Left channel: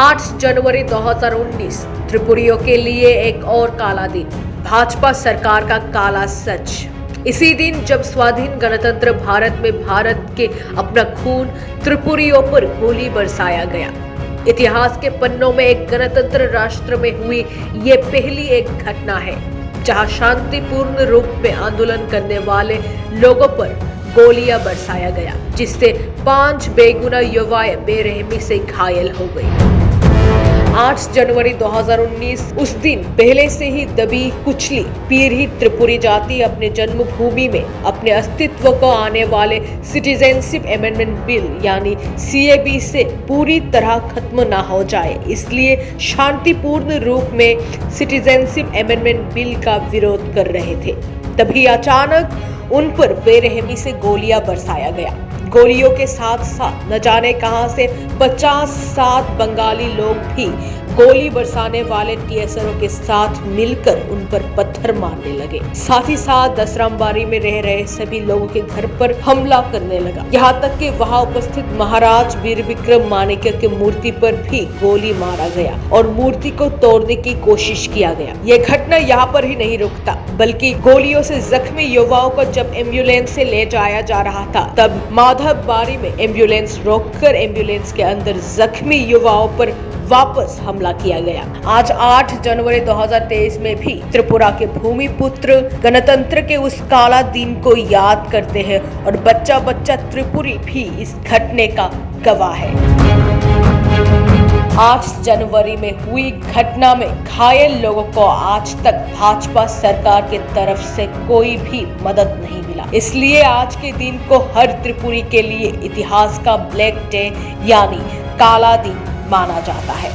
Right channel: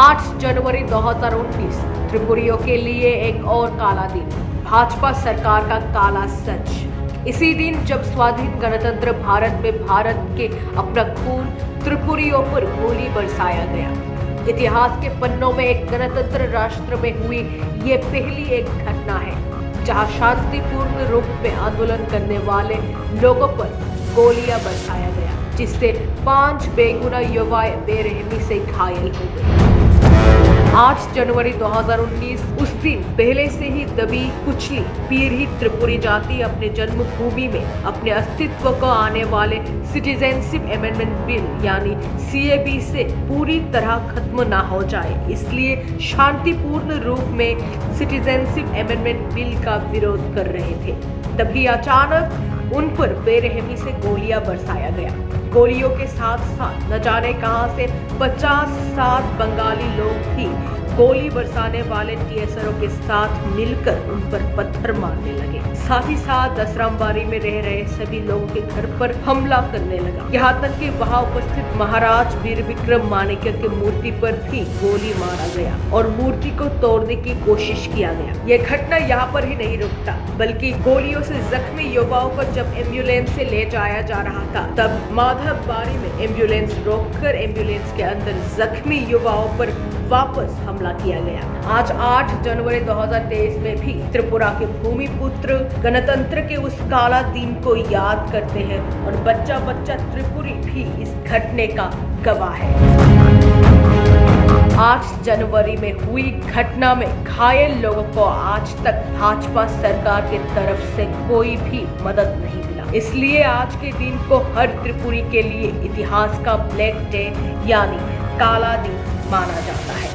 8 जनवरी 2019 त्रिपुरियों के लिए एक और काला दिन, भाजपा सरकार का काला सच। इसी दिन जब स्वाधीन गणतंत्र भारत में भारत के अपना खून त्रिपुरियों पर गोली बरसाया गया। इतिहास के पन्नों में एक गणतंत्र राष्ट्र में हुई ये पहली एक घटना है जहां शांतिपूर्ण रूप में आंदोलन करने वाले लोगों पर गोलियां बरसाया गया, जिससे 5 बेगुनाह युवाएं बेरहमी से घायल हो गई। 8 जनवरी 2019 उस दिन पहले से ही दबी कुचली पीड़ित त्रिपुरी जाति अपने जन्मभूमि में अपने अस्तित्व को आने वाले सिटीजनशिप अमेंडमेंट बिल यानी सीएबी से पूरी तरह खत्म ना हो जाए, इसलिए शांतिपूर्ण रूप में सिटीजनशिप अमेंडमेंट बिल का विरोध कर रहे थे। तभी अचानक उन पर बेरहमी से गोलियां बरसाया गया। गोलियों के साथ साथ न जाने कहां से 50-60 बंगाली लोग भी गोली बरसाने वाले टीएसआरओ के साथ मिलकर उन पर पत्थर मारने लगे। साथ ही साथ दसरामबाड़ी में रह रहे सभी लोगों के घर पर हमला करने लगा। यहाँ तक कि वहाँ उपस्थित महाराज वीर विक्रम माणिक्य की मूर्ति पर भी गोली मारा गया और मूर्ति को तोड़ने की कोशिश किया गया। यह घटना यहाँ पर ही नहीं रुकता, बल्कि गोलियों से जख्मी युवाओं को जब एम्बुलेंस से ले जाया जा रहा था, तब माधवबाड़ी में एम्बुलेंस रोककर एम्बुलेंस के अंदर जख्मी युवाओं पर वापस हमला किया गया। आज 8 जनवरी 2023 में भी त्रिपुरा के भूमि पुत्र गणतंत्र के उस काला दिन को याद करते हैं और बच्चा बच्चा त्रिपुरी भी इस घटने का गवाह है। 8 जनवरी में हुई घटना में घायल लोगों को आज तक भाजपा सरकार की तरफ से कोई भी मदद नहीं मिला। इसलिए आज के दिन को हर त्रिपुरी के लिए इतिहास का ब्लैक डे यानी काला दिन माना जाता है।